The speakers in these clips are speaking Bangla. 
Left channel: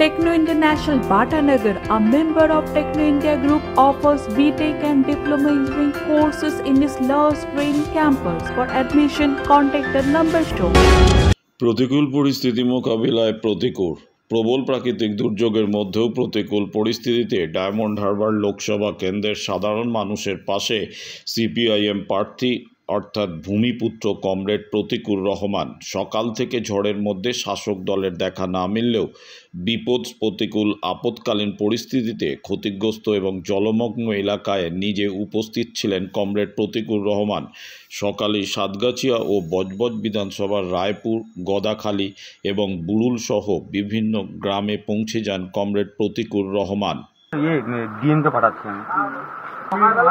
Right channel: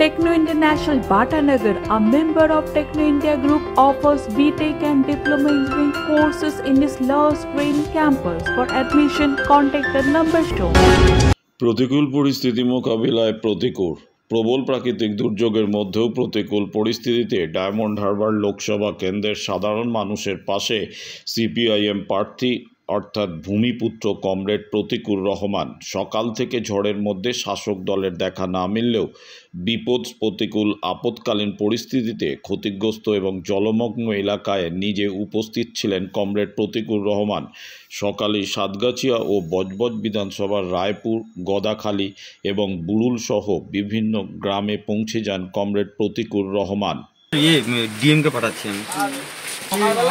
Techno International Bhatanagar, a member of Techno India Group, offers BTech and Diploma Engineering courses in its Love Green campus. For admission, contact the number shown. প্রতিকূল পরিস্থিতি মোকাবিলায় প্রবল প্রাকৃতিক দুর্যোগের মধ্যেও প্রতিকূল পরিস্থিতিতে ডায়মন্ড হারবার লোকসভা কেন্দ্রের সাধারণ মানুষের পাশে সিপিআইএম প্রার্থী অর্থাৎ ভূমিপুত্র কমরেড প্রতিকুর রহমান। সকাল থেকে ঝড়ের মধ্যে শাসক দলের দেখা না মিললেও প্রতিকূল আপৎকালীন পরিস্থিতিতে ক্ষতিগ্রস্ত এবং জলমগ্ন এলাকায় নিজে উপস্থিত ছিলেন কমরেড প্রতিকুর রহমান। সকালে সাতগাছিয়া ও বজবজ বিধানসভার রায়পুর, গদাখালী এবং বুড়ুল সহ বিভিন্ন গ্রামে পৌঁছে যান কমরেড প্রতিকুর রহমান। ডিএমকে পাঠাচ্ছি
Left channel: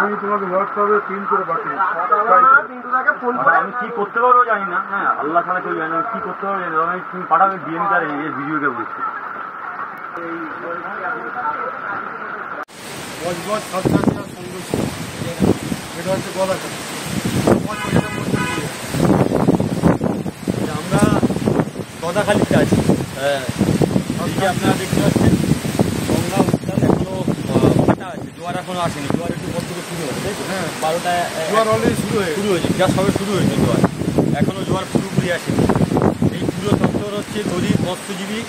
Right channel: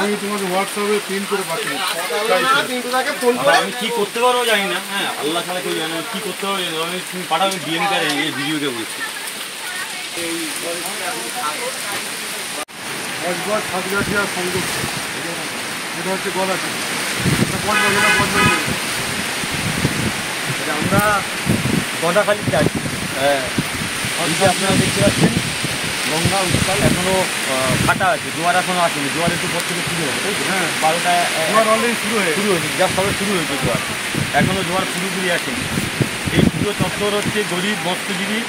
আমি তোমাকে হোয়াটসঅ্যাপে প্রিন্ট করে পাঠিয়ে আমি কি করতে পারবো জানি না। হ্যাঁ, আল্লাহ ছাড়া কেউ জানি না কি করতে পারবো জানি না। আমি তুমি পাঠাবে ডিএমকে আর এই ভিডিওকে বলছি। বজবজ সাতগাছিয়া সংযোগ এটা হচ্ছে গদাখালী। আমরা গদাখালীতে আছি। হ্যাঁ, আপনার গঙ্গা উত্তাল এখনো ফাটা আছে, জোয়ার এখনো আসেনি। জোয়ার একটু পর থেকে শুরু হয়েছে, তাই তো? হ্যাঁ, 12টা জোয়ার অলরেডি শুরু হয়েছে, যা সবে শুরু হয়েছে জোয়ার, এখনও জোয়ার পুরোপুরি আসেনি। এই পুরো চত্বর হচ্ছে গরিব মৎস্যজীবী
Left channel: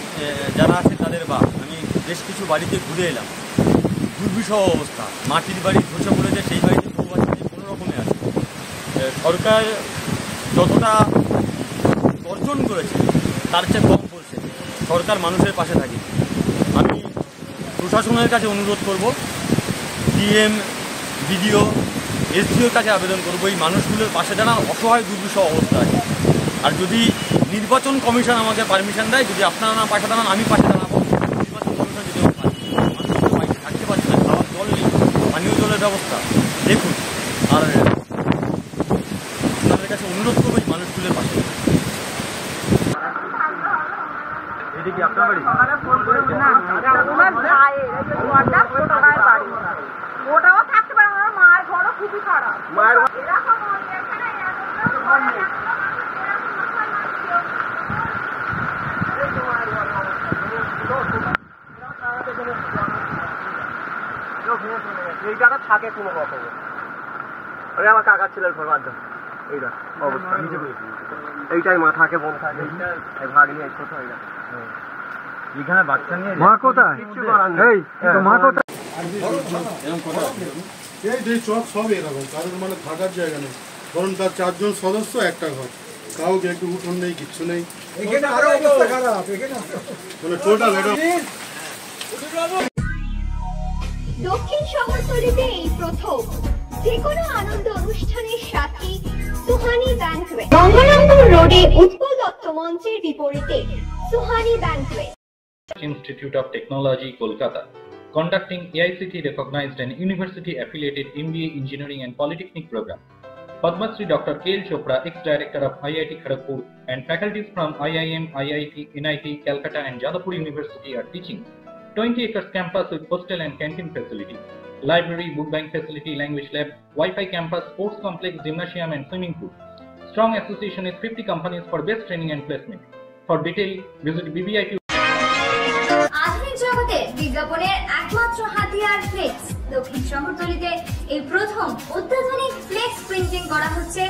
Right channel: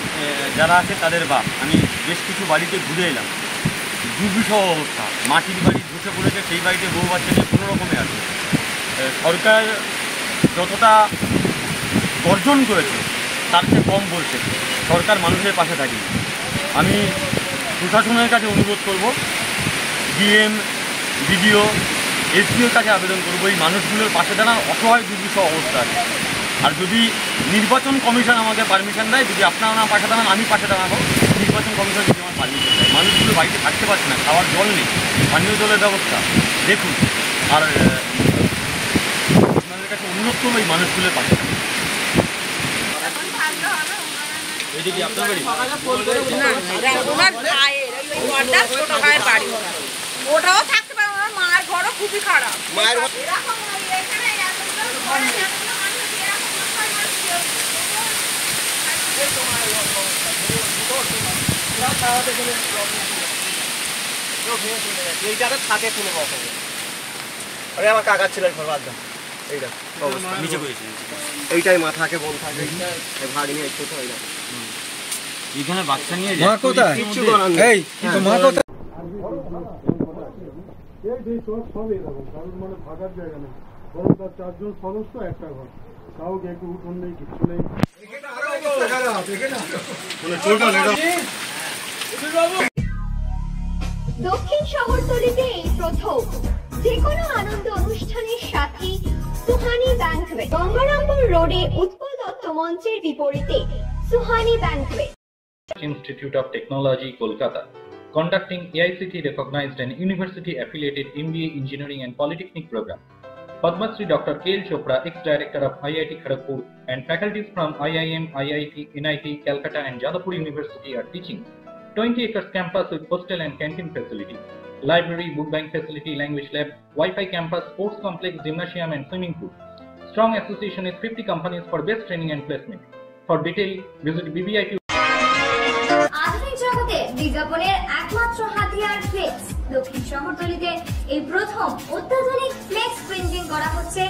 যারা আছে তাদের বা আমি বেশ কিছু বাড়িতে ঘুরে এলাম। দুর্বিষহ অবস্থা, মাটির বাড়ি ধসে পড়েছে, সেই বাড়িতে বউ বাচ্চা নিয়ে কোনো রকমে আছে। সরকার যতটা অর্জন করেছে তার চেয়ে কম বলছে। সরকার মানুষের পাশে থাকে। আমি প্রশাসনের কাছে অনুরোধ করব, ডিএম, বিডিও, এসডিওর কাছে আবেদন করব এই মানুষগুলোর পাশে দাঁড়ান। অসহায় দুর্বিষহ অবস্থা আছে। আর যদি নির্বাচন কমিশন আমাকে পারমিশন দেয়, যদি আপনারা না পাশে দাঁড়ান আমি পাশে দাঁড়াবো। নির্বাচন কমিশন যদি আমার পারমিশন দেয়, মানুষগুলো বাড়িতে থাকতে পারছে না, খাওয়ার জল নেই, পানীয় জলের ব্যবস্থা দেখুন। আর আপনাদের কাছে অনুরোধ করবো এই মানুষগুলোর পাশে দাঁড়ান। এটা কি আপনার বাড়ি? ওনার ভাইয়ের ছোট ভাইয়ের বাড়ি, ওটাও থাকতে পারে। ওনার মায়ের ঘরও খুবই খারাপ। মায়ের এই জায়গা থাকে কোনো রকম। আরে আমার কাকার ছেলের ঘর বাদ দাও, এইটা অবস্থা নিচে বসেছি। এইটাই মা থাকে, বোন থাকে, ভাগ নিয়ে ছোট হয়ে যায়। এখানে বাচ্চা নিয়ে মা কোথায়? কিচ্ছু করার নেই। মা কোথায়? এই যে চক সব এরকম, কারোর মানে থাকার জায়গা নেই। ধরুন তার 4 জন সদস্য, একটা ঘর, কাউকে একটু উঠোন নেই, কিচ্ছু নেই। মানে টোটাল এটা দক্ষিণ শহরতলিতে এই প্রথম যে কোনো আনন্দ অনুষ্ঠানের সাথে সুহানি ব্যাংকুয়েট, গঙ্গারামপুর রোডে উৎপল দত্ত মঞ্চের বিপরীতে Suhani banquet. Institute of Technology, Kolkata, conducting AICTE recognized and university affiliated MBA Engineering and Polytechnic program. Padma Shri Dr. K.L. Chopra, ex-director of IIT Kharagpur, and faculties from IIM, IIT, NIT, Calcutta and Jadavpur University are teaching. 20 acres campus with hostel and canteen facility, library, book bank facility, language lab, Wi-Fi campus, sports complex, gymnasium and swimming pool. Strong association with 50 companies for best training and placement. For detail, visit BBIT. আধুনিক জগতে বিজ্ঞাপনের একমাত্র হাতিয়ার ফ্লেক্স। দক্ষিণ শহরতলিতে এই প্রথম অত্যাধুনিক ফ্লেক্স প্রিন্টিং করা হচ্ছে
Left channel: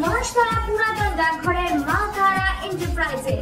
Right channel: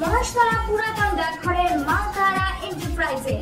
মহাশতলা পুরাতন ডাকঘরের মা তারা এন্টারপ্রাইজে।